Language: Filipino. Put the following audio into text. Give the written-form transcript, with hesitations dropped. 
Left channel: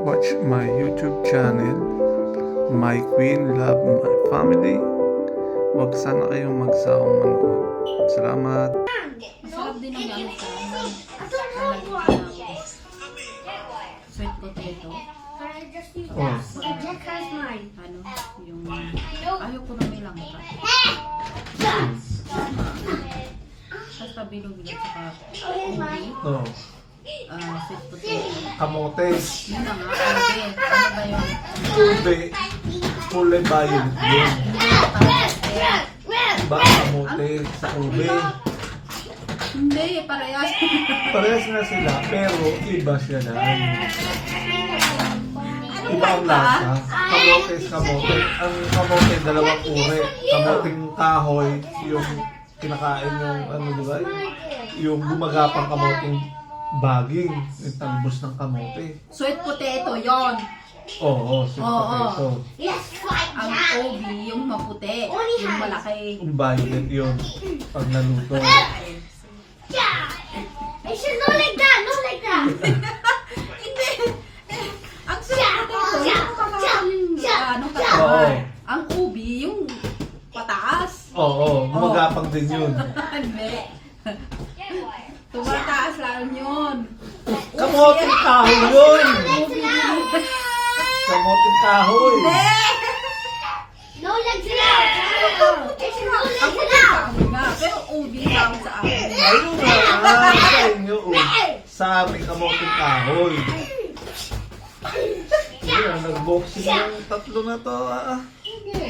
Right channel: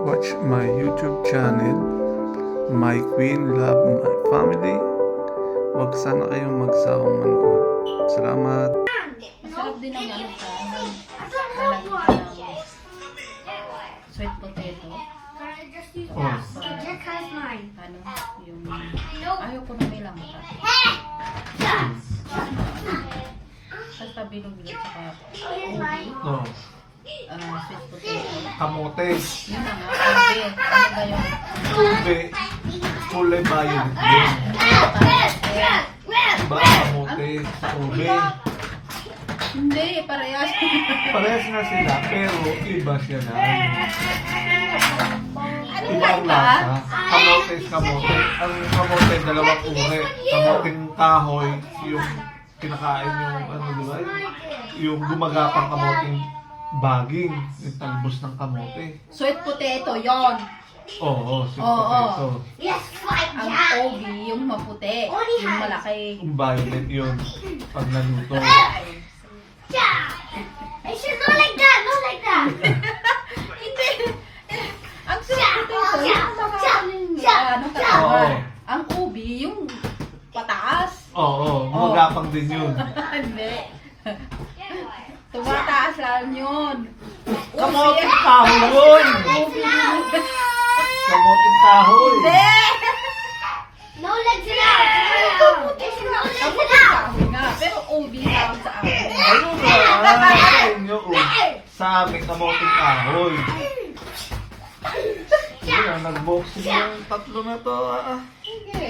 watch my YouTube channel, My Queen Love My Family. Huwag sana kayong magsawang manood. Salamat. Masarap din ang ano siya. Lalagyan ng sweet potato. Oh. Ano, yung ayaw ko na may langka. Basta bilog-bilog saka ubi, No. sweet potato. Kamote. Yun na nga, ubi. Ano ba yun? Ube. Kulay bayo. Yun. Iba ang kamote sa ube. Hindi, parehas. Parehas nga sila, pero iba siya na. Anong Iba ang kanta? lasa. Kamote is kamote. Ang kamote, dalawang uri. Kamoting kahoy, yung kinakain yung, ano diba? Yung gumagapang kamoting baging. Yung talbos ng kamote. Sweet potato, yon. Oo, sweet Oo. potato. Ang ubi, yung maputi, yung malaki. Yung violet yun, pag naluto. I should not like that, not like that. Hindi. Ang sweet potato, yung makakal yung ano Oo. katawan. Ang ubi, yung pataas. Oo, gumagapang din yun. Hindi. Tumataas lang yun. Kamoting kahoy yun! Kamoting kahoy! Hindi! No legs now. I should not Ang legs puti now. sa amin nga. Pero ubi tawag sa amin. Ayun nga, sa inyo, oh. Sa aming kamoting kahoy. Sige lang, nag-boxing yung tatlo na to, ah. Sige.